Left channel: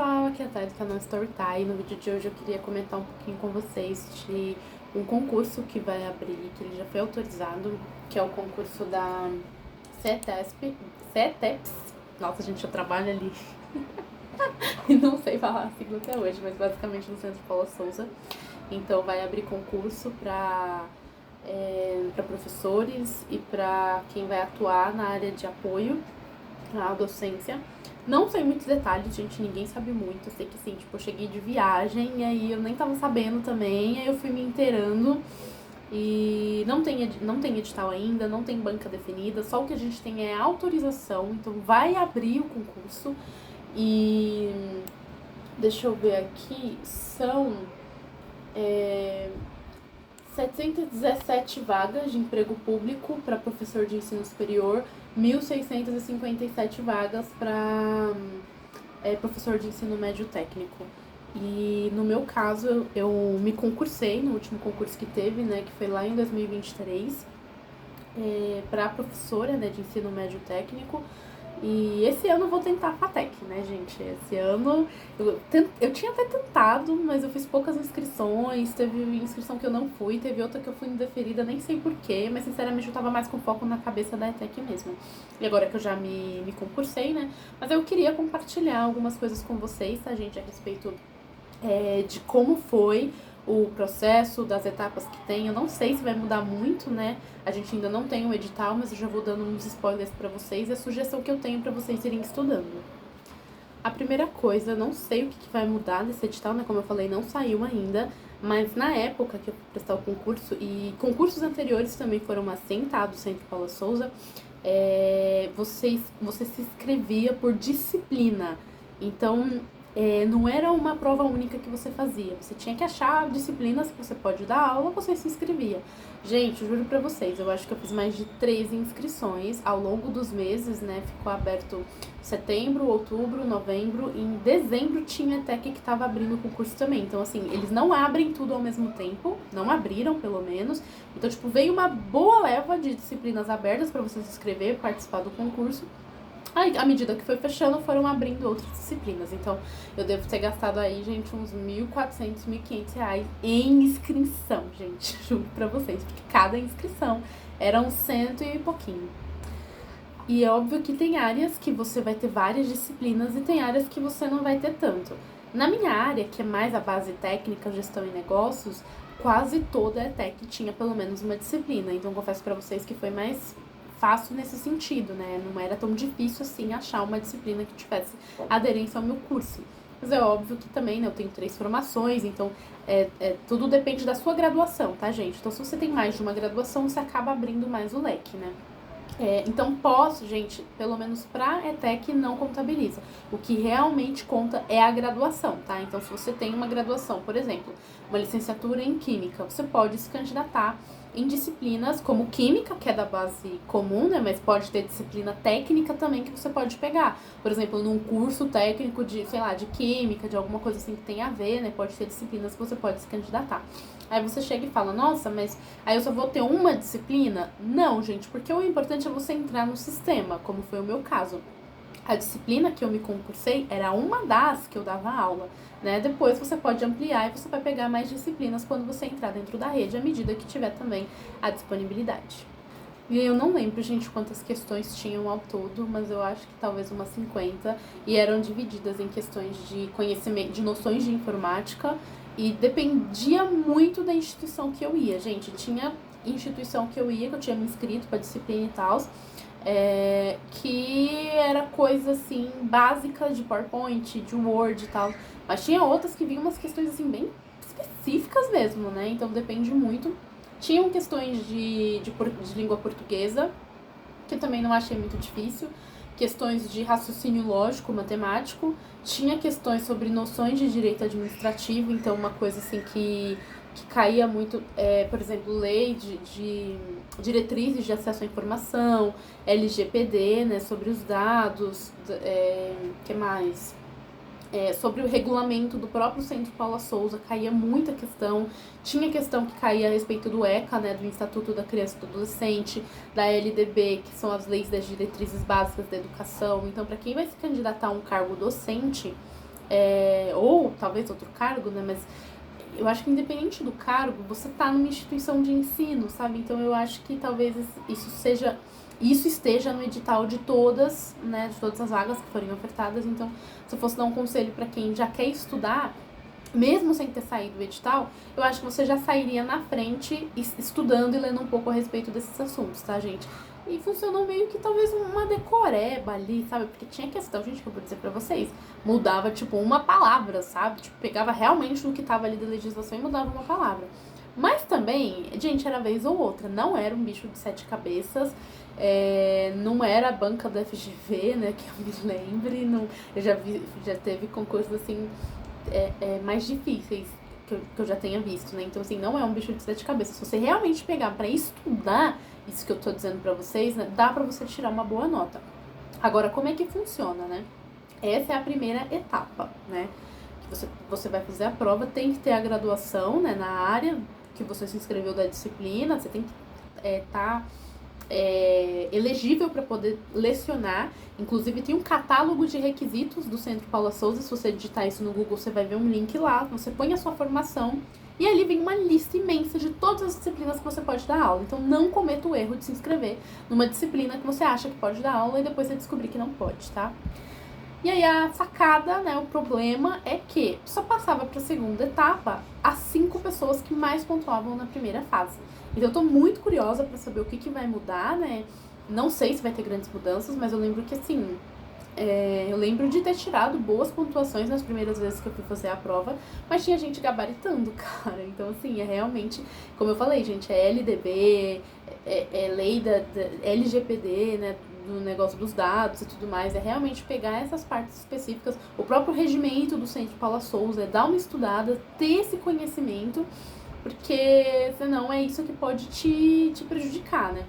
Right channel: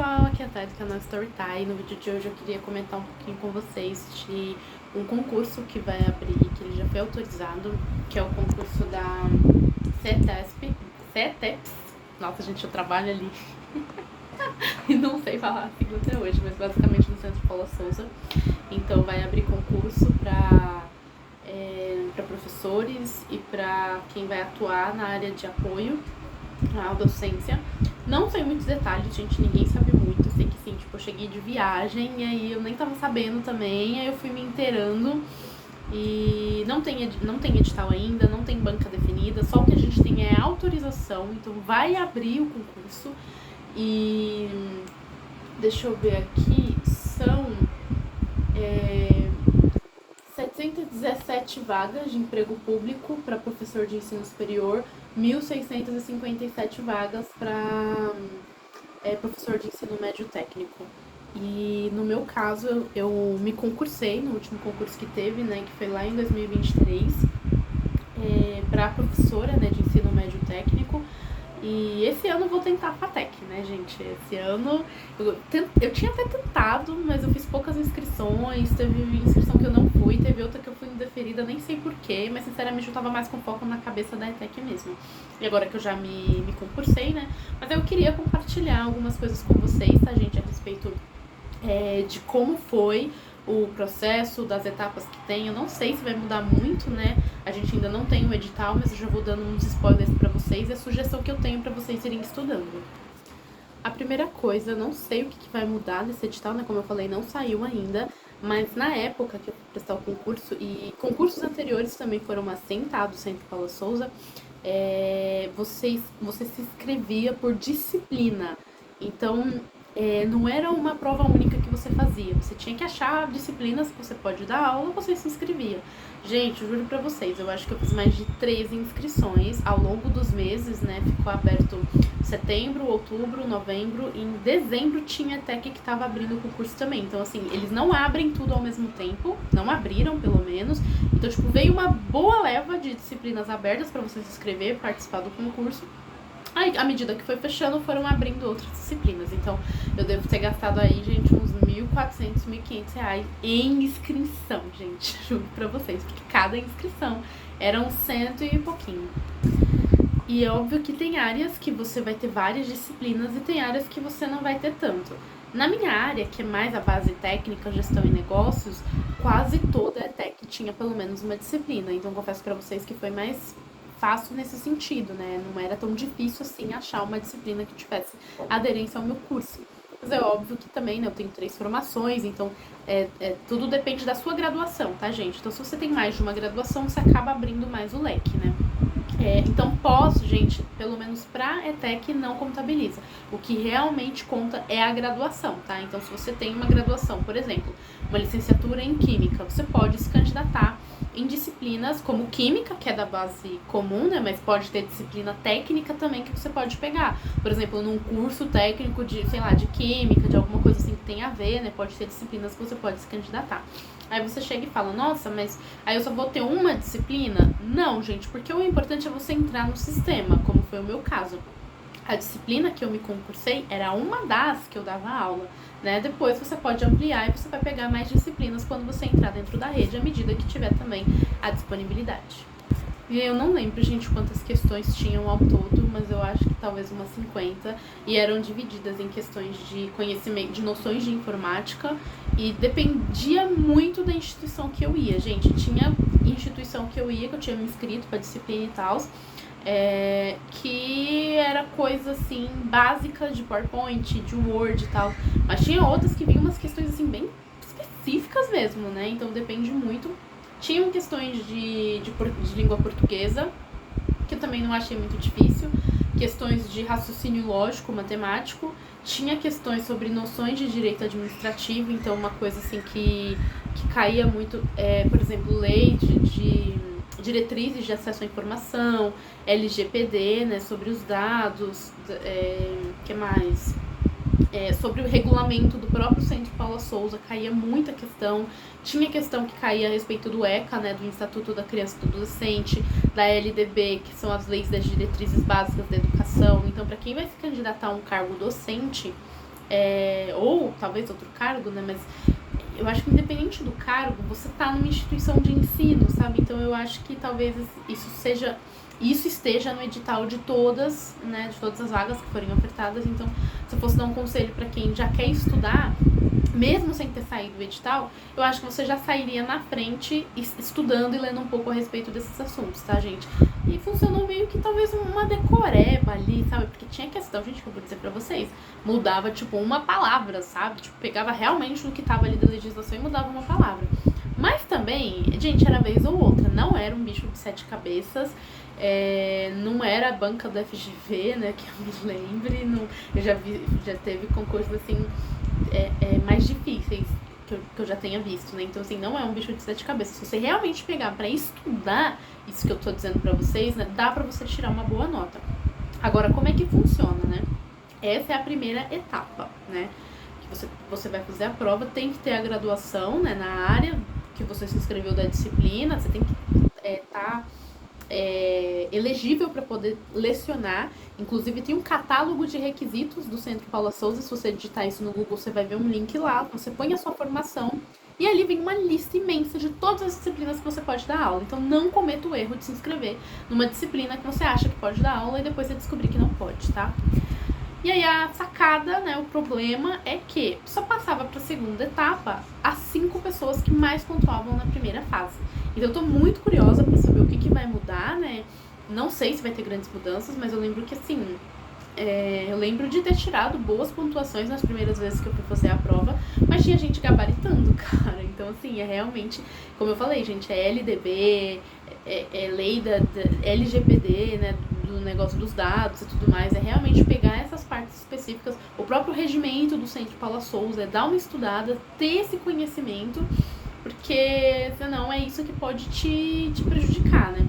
pessoal, aqui é a Thay do canal Storytime. No vídeo de hoje eu queria comentar um pouquinho com vocês de um concurso que vai abrir, que ele já foi autorizado, que é o concurso da CETEPS. Nossa, gente, eu trabalho ali e não sei falar a sigla até hoje, mas basicamente no Centro Paula Souza. Então vai abrir concurso para professores e para quem vai atuar na área de apoio à docência. Não sei muitos detalhes, gente, ninguém sabe muito. Eu sei que sim, tipo, eu cheguei de viagem e aí eu nem tava sabendo também, aí eu fui me inteirando. E não tem edital ainda, não tem banca definida, só o que a gente tem é autorização, então vai abrir o concurso. E deixa eu ver aqui, são 717 vagas de emprego público para professor de ensino superior, 1.657 vagas para professor de ensino médio técnico. E no meu caso, eu me concursei no último concurso que teve, né, que foi lá em 2023, para professora, né, de ensino médio técnico. E esse ano eu vou tentar a FATEC, né, gente? Esse ano eu tinha até tentado, mas eu fiz poucas inscrições. Teve inscrição que eu não fui, teve outra que eu fui indeferida, nem sei porquê, mas sinceramente eu tava mais com foco na cabeça da ETEC mesmo. E agora que eu já me concursei, né? Mas eu queria compartilhar algumas coisas com vocês, tá, gente? A respeito de como foi o processo, das etapas que tem. Eu não sei se vai mudar muito, né? A gente ainda não tem o edital, mas eu já vou dando uns spoilers pra vocês e a sugestão que eu tenho pra vocês irem estudando. A primeira coisa, não sei o que vai mudar nesse edital, né? Como eu falei, não saiu ainda, mas na época que eu fui prestar o concurso, e concursos anteriores também foram assim, tá? Do Centro Paula Souza, você se inscrevia por disciplina. Então, não era uma prova única que você fazia. Você tinha que achar disciplinas que você pode dar aula, você se inscrevia. Gente, eu juro pra vocês, eu acho que eu fiz mais de 13 inscrições ao longo dos meses, né? Ficou aberto setembro, outubro, novembro. E em dezembro tinha até que tava abrindo o concurso também. Então, assim, eles não abrem tudo ao mesmo tempo. Não abriram, pelo menos. Então, tipo, veio uma boa leva de disciplinas abertas pra você se inscrever, participar do concurso. Aí, à medida que foi fechando, foram abrindo outras disciplinas. Então, eu devo ter gastado aí, gente, uns 1.400, 1.500 reais em inscrição, gente. Juro pra vocês, porque cada inscrição era um cento e pouquinho. E é óbvio que tem áreas que você vai ter várias disciplinas e tem áreas que você não vai ter tanto. Na minha área, que é mais a base técnica, gestão e negócios, quase toda a ETEC tinha pelo menos uma disciplina. Então, confesso pra vocês que foi mais fácil nesse sentido, né? Não era tão difícil assim achar uma disciplina que tivesse aderência ao meu curso. Mas é óbvio que também, né, eu tenho 3 formações, então tudo depende da sua graduação, tá, gente? Então, se você tem mais de uma graduação, você acaba abrindo mais o leque, né? Então, gente, pelo menos pra ETEC não contabiliza. O que realmente conta é a graduação, tá? Então, se você tem uma graduação, por exemplo, uma licenciatura em Química, você pode se candidatar em disciplinas como Química, que é da base comum, né? Mas pode ter disciplina técnica também que você pode pegar. Por exemplo, num curso técnico de, sei lá, de Química, de alguma coisa assim que tem a ver, né? Pode ter disciplinas que você pode se candidatar. Aí você chega e fala, nossa, mas aí eu só vou ter uma disciplina? Não, gente, porque o importante é você entrar no sistema, como foi o meu caso. A disciplina que eu me concursei era uma das que eu dava aula, né? Depois você pode ampliar e você vai pegar mais disciplinas quando você entrar dentro da rede, à medida que tiver também a disponibilidade. E eu não lembro, gente, quantas questões tinham ao todo, mas eu acho que talvez umas 50, e eram divididas em questões de conhecimento, de noções de informática, e dependia muito da instituição que eu ia, gente. Tinha instituição que eu ia, que eu tinha me inscrito para disciplina e tal, que era coisa assim, básica de PowerPoint, de Word e tal, mas tinha outras que vinham umas questões assim, bem específicas mesmo, né? Então depende muito. Tinham questões de língua portuguesa, que eu também não achei muito difícil. Questões de raciocínio lógico, matemático. Tinha questões sobre noções de direito administrativo, então uma coisa assim que caía muito, por exemplo, lei de diretrizes de acesso à informação, LGPD, né, sobre os dados, que mais? Sobre o regulamento do próprio Centro Paula Souza, caía muita questão. Tinha questão que caía a respeito do ECA, né, do Estatuto da Criança e do Adolescente, da LDB, que são as leis das diretrizes básicas da educação. Então, para quem vai se candidatar a um cargo docente, ou talvez outro cargo, né, mas eu acho que independente do cargo, você tá numa instituição de ensino, sabe? Então eu acho que talvez isso esteja no edital de todas, né, de todas as vagas que forem ofertadas. Então, se eu fosse dar um conselho para quem já quer estudar, mesmo sem ter saído do edital, eu acho que você já sairia na frente estudando e lendo um pouco a respeito desses assuntos, tá, gente? E funcionou meio que talvez uma decoreba ali, sabe? Porque tinha questão, gente, que eu vou dizer pra vocês, mudava, tipo, uma palavra, sabe? Tipo, pegava realmente o que tava ali da legislação e mudava uma palavra. Mas também, gente, era vez ou outra, não era um bicho de 7 cabeças, não era a banca do FGV, né, que eu me lembre, não, eu já teve concursos, assim, mais difíceis que eu já tenha visto, né, então, assim, não é um bicho de 7 cabeças. Se você realmente pegar pra estudar isso que eu tô dizendo pra vocês, né, dá pra você tirar uma boa nota. Agora, como é que funciona, né? Essa é a primeira etapa, né, que você vai fazer a prova, tem que ter a graduação, né, na área que você se inscreveu da disciplina, você tem que estar elegível para poder lecionar. Inclusive tem um catálogo de requisitos do Centro Paula Souza. Se você digitar isso no Google, você vai ver um link lá, você põe a sua formação e ali vem uma lista imensa de todas as disciplinas que você pode dar aula. Então não cometa o erro de se inscrever numa disciplina que você acha que pode dar aula e depois você descobrir que não pode, tá? E aí a sacada, né, o problema é que só passava para a segunda etapa as 5 pessoas que mais pontuavam na primeira fase. Então eu tô muito curiosa para saber o que vai mudar, né? Não sei se vai ter grandes mudanças, mas eu lembro que, assim, eu lembro de ter tirado boas pontuações nas primeiras vezes que eu fui fazer a prova, mas tinha gente gabaritando, cara. Então, assim, realmente, como eu falei, gente, é LDB, lei da LGPD, né, do negócio dos dados e tudo mais, é realmente pegar essas partes específicas, o próprio regimento do Centro Paula Souza, dar uma estudada, ter esse conhecimento, porque senão é isso que pode te prejudicar, né?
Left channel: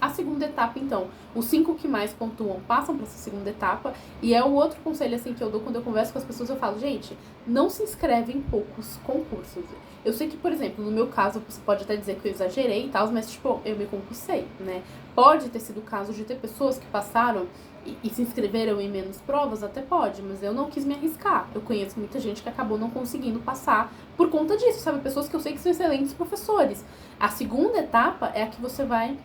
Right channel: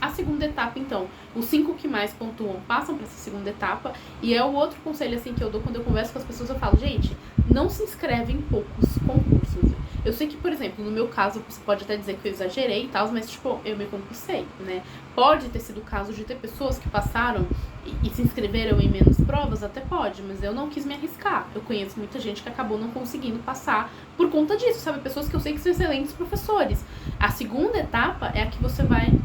A segunda etapa, então, os 5 que mais pontuam passam para essa segunda etapa, e é o outro conselho, assim, que eu dou quando eu converso com as pessoas. Eu falo, gente, não se inscreve em poucos concursos. Eu sei que, por exemplo, no meu caso, você pode até dizer que eu exagerei e tal, mas, tipo, eu me concursei, né? Pode ter sido o caso de ter pessoas que passaram e se inscreveram em menos provas, até pode, mas eu não quis me arriscar. Eu conheço muita gente que acabou não conseguindo passar por conta disso, sabe? Pessoas que eu sei que são excelentes professores. A segunda etapa é a que você vai...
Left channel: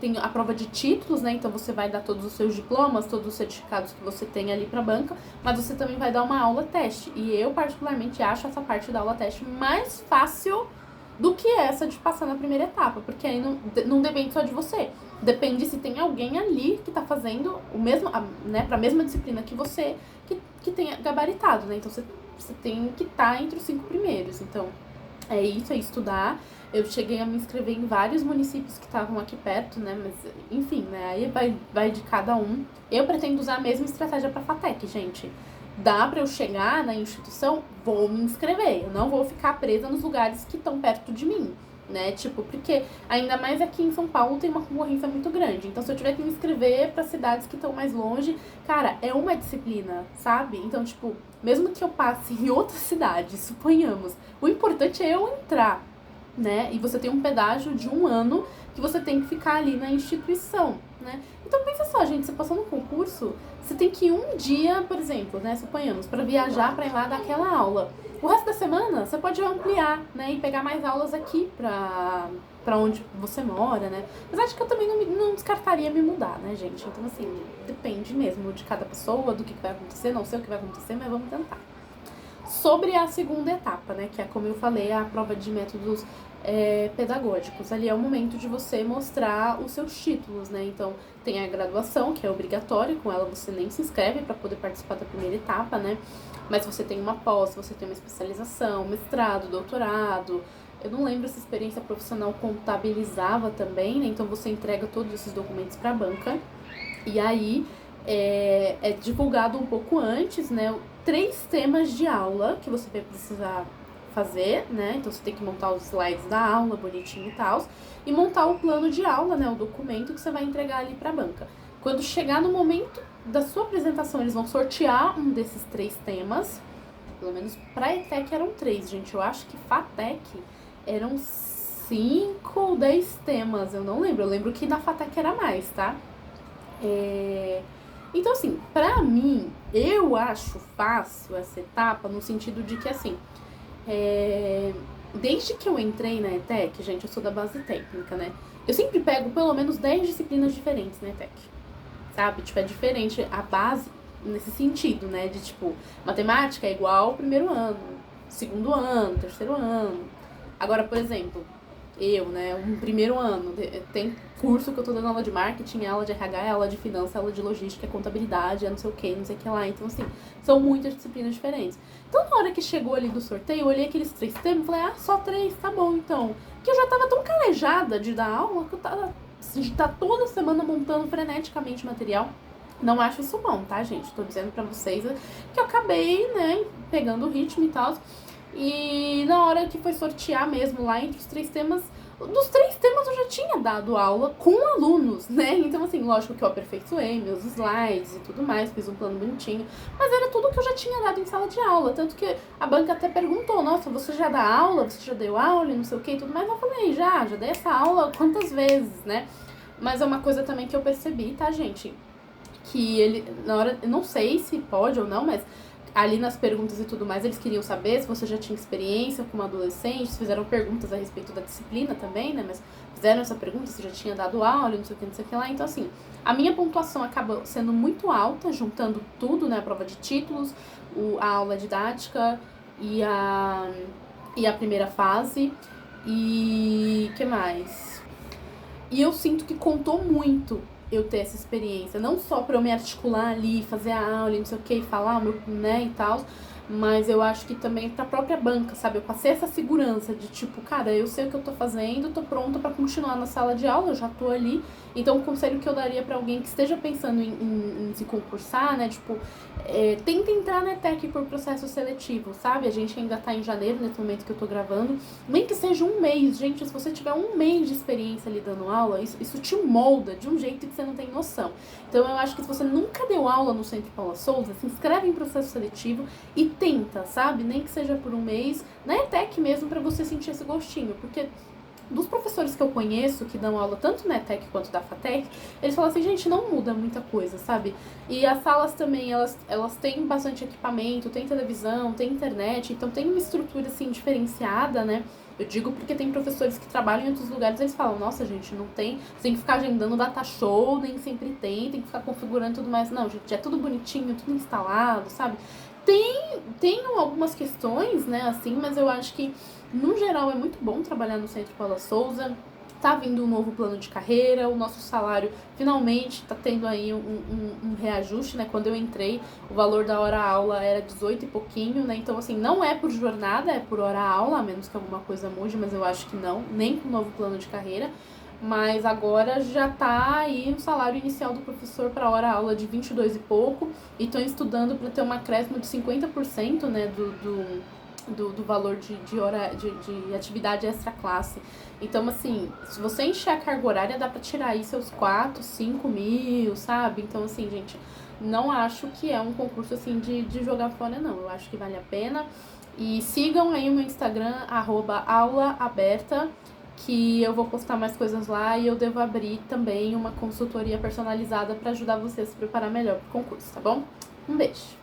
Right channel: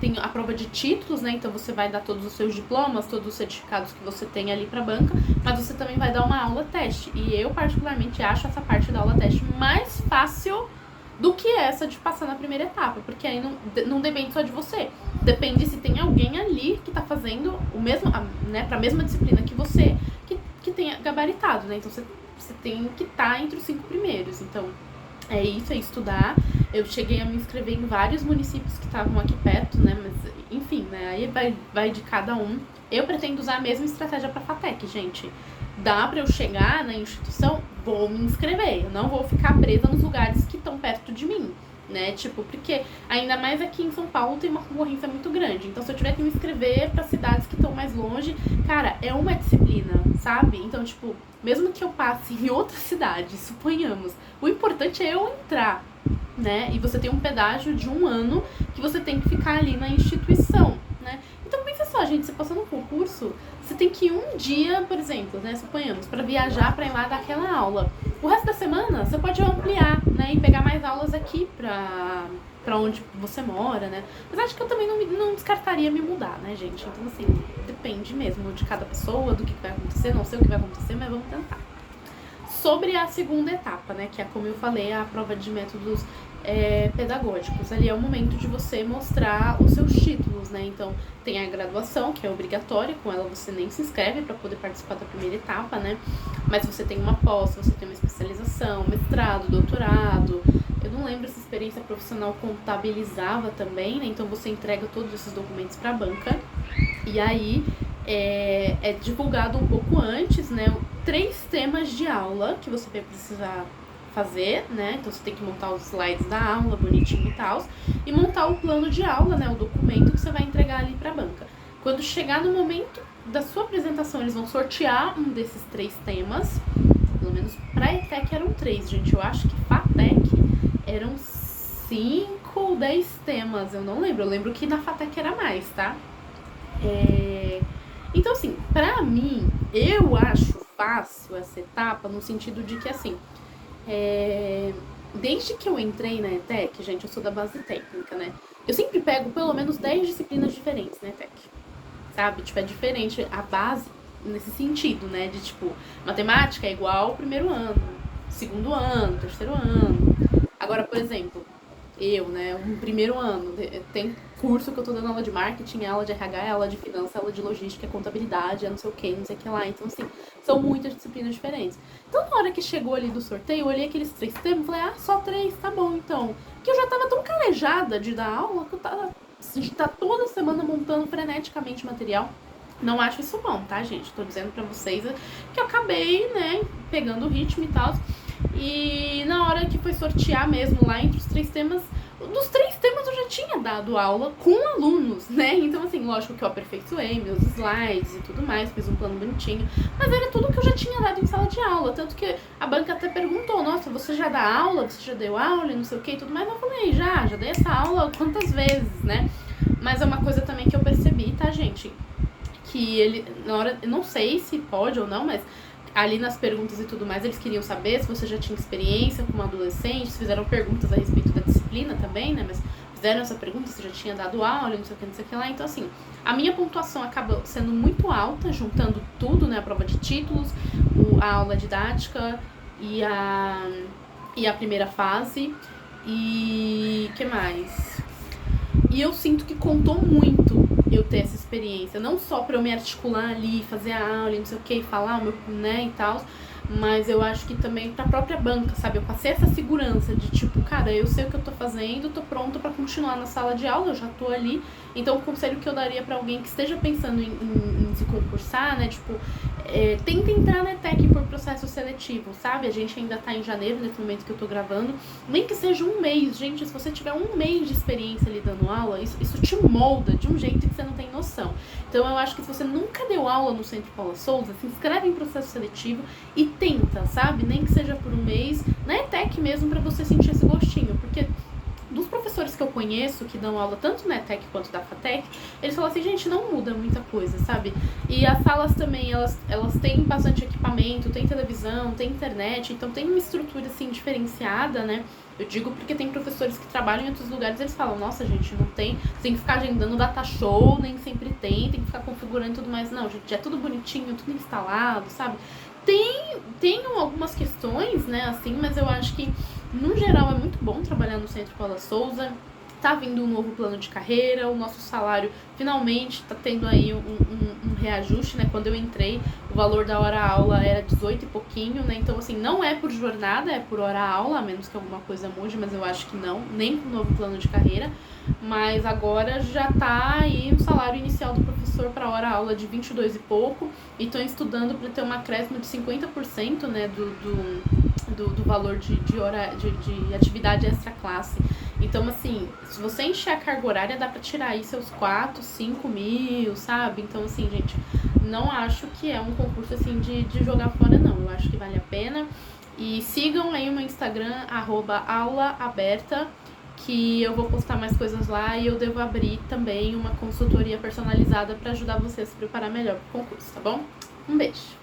tem a prova de títulos, né? Então você vai dar todos os seus diplomas, todos os certificados que você tem ali pra banca, mas você também vai dar uma aula teste. E eu particularmente acho essa parte da aula teste mais fácil do que essa de passar na primeira etapa, porque aí não depende só de você. Depende se tem alguém ali que tá fazendo o mesmo, né, pra mesma disciplina que você, que tenha gabaritado, né? Então você tem que estar entre os 5 primeiros. Então, é isso, é estudar. Eu cheguei a me inscrever em vários municípios que estavam aqui perto, né? Mas, enfim, né? Aí vai de cada um. Eu pretendo usar a mesma estratégia pra FATEC, gente. Dá pra eu chegar na instituição, vou me inscrever. Eu não vou ficar presa nos lugares que estão perto de mim, né? Tipo, porque ainda mais aqui em São Paulo tem uma concorrência muito grande. Então, se eu tiver que me inscrever pra cidades que estão mais longe, cara, é uma disciplina, sabe? Então, tipo, mesmo que eu passe em outra cidade, suponhamos, o importante é eu entrar, né? E você tem um pedágio de 1 ano que você tem que ficar ali na instituição, né? Então pensa só, gente, você passou no concurso, você tem que ir um dia, por exemplo, né, suponhamos, para viajar para ir lá dar aquela aula. O resto da semana você pode ampliar, né, e pegar mais aulas aqui pra onde você mora, né? Mas acho que eu também não descartaria me mudar, né, gente? Então, assim, depende mesmo de cada pessoa, do que vai acontecer, não sei o que vai acontecer, mas vamos tentar. Sobre a segunda etapa, né, que é, como eu falei, a prova de métodos pedagógicos. Ali é o momento de você mostrar os seus títulos, né? Então, tem a graduação, que é obrigatória, com ela você nem se inscreve para poder participar da primeira etapa, né? Mas você tem uma pós, você tem uma especialização, mestrado, doutorado. Eu não lembro se a experiência profissional contabilizava também, né? Então, você entrega todos esses documentos para a banca. E aí, é divulgado um pouco antes, né? 3 temas de aula que você vai precisar fazer, né? Então você tem que montar os slides da aula, bonitinho e tal, e montar o plano de aula, né? O documento que você vai entregar ali pra banca. Quando chegar no momento da sua apresentação, eles vão sortear um desses 3 temas. Pelo menos pra ETEC eram 3, gente. Eu acho que FATEC eram 5 ou 10 temas, eu não lembro. Eu lembro que na FATEC era mais, tá? E Então, assim, pra mim, eu acho fácil essa etapa no sentido de que, assim, desde que eu entrei na ETEC, gente, eu sou da base técnica, né? Eu sempre pego pelo menos 10 disciplinas diferentes na ETEC, sabe? Tipo, é diferente a base nesse sentido, né? De, tipo, matemática é igual ao primeiro ano, segundo ano, terceiro ano. Agora, por exemplo, eu, né, um primeiro ano, tem curso que eu tô dando aula de marketing, aula de RH, aula de finanças, aula de logística, contabilidade, não sei o que, não sei o que lá. Então, assim, são muitas disciplinas diferentes. Então, na hora que chegou ali do sorteio, eu olhei aqueles 3 temas e falei, ah, só 3, tá bom, então. Porque eu já tava tão calejada de dar aula que eu tava de estar toda semana montando freneticamente material. Não acho isso bom, tá, gente? Tô dizendo pra vocês que eu acabei, né, pegando o ritmo e tal. E na hora que foi sortear mesmo lá entre os 3 temas, dos 3 temas eu já tinha dado aula com alunos, né? Então, assim, lógico que eu aperfeiçoei meus slides e tudo mais, fiz um plano bonitinho, mas era tudo que eu já tinha dado em sala de aula. Tanto que a banca até perguntou, nossa, você já dá aula? Você já deu aula e não sei o que e tudo mais? Eu falei, já dei essa aula quantas vezes, né? Mas é uma coisa também que eu percebi, tá, gente? Que ele, na hora, eu não sei se pode ou não, mas ali nas perguntas e tudo mais, eles queriam saber se você já tinha experiência como adolescente, fizeram perguntas a respeito da disciplina também, né, mas fizeram essa pergunta se já tinha dado aula, não sei o que lá, então assim, a minha pontuação acabou sendo muito alta, juntando tudo, né, a prova de títulos, a aula didática e a primeira fase, e que mais? E eu sinto que contou muito eu ter essa experiência. Não só pra eu me articular ali, fazer a aula e não sei o que, falar o meu, né, e tal. Mas eu acho que também pra própria banca, sabe? Eu passei essa segurança de tipo, cara, eu sei o que eu tô fazendo, tô pronta pra continuar na sala de aula, eu já tô ali. Então o conselho que eu daria pra alguém que esteja pensando em se concursar, né, tipo, tenta entrar na ETEC por processo seletivo, sabe? A gente ainda tá em janeiro, nesse momento que eu tô gravando. Nem que seja um mês, gente, se você tiver um mês de experiência ali dando aula, isso te molda de um jeito que você não tem noção. Então eu acho que se você nunca deu aula no Centro Paula Souza, se inscreve em processo seletivo e tenta, sabe? Nem que seja por um mês, na ETEC mesmo, pra você sentir esse gostinho, porque dos professores que eu conheço, que dão aula tanto na ETEC quanto da FATEC, eles falam assim, gente, não muda muita coisa, sabe? E as salas também, elas têm bastante equipamento, tem televisão, tem internet, então tem uma estrutura, assim, diferenciada, né? Eu digo porque tem professores que trabalham em outros lugares, eles falam, nossa, gente, não tem, você tem que ficar agendando data show, nem sempre tem que ficar configurando e tudo mais. Não, gente, é tudo bonitinho, tudo instalado, sabe? Tem algumas questões, né, assim, mas eu acho que, no geral, é muito bom trabalhar no Centro Paula Souza. Tá vindo um novo plano de carreira, o nosso salário finalmente tá tendo aí um reajuste, né? Quando eu entrei, o valor da hora-aula era 18 e pouquinho, né? Então, assim, não é por jornada, é por hora-aula, a menos que alguma coisa mude, mas eu acho que não, nem com o novo plano de carreira. Mas agora já tá aí o salário inicial do professor para hora-aula de 22 e pouco, e estão estudando para ter um acréscimo de 50%, né, do valor de atividade extra-classe. Então, assim, se você encher a carga horária, dá pra tirar aí seus 4, 5 mil, sabe? Então, assim, gente, não acho que é um concurso, assim, de jogar fora, não. Eu acho que vale a pena. E sigam aí o meu Instagram, @aulaaberta, que eu vou postar mais coisas lá e eu devo abrir também uma consultoria personalizada pra ajudar você a se preparar melhor pro concurso, tá bom? Um beijo!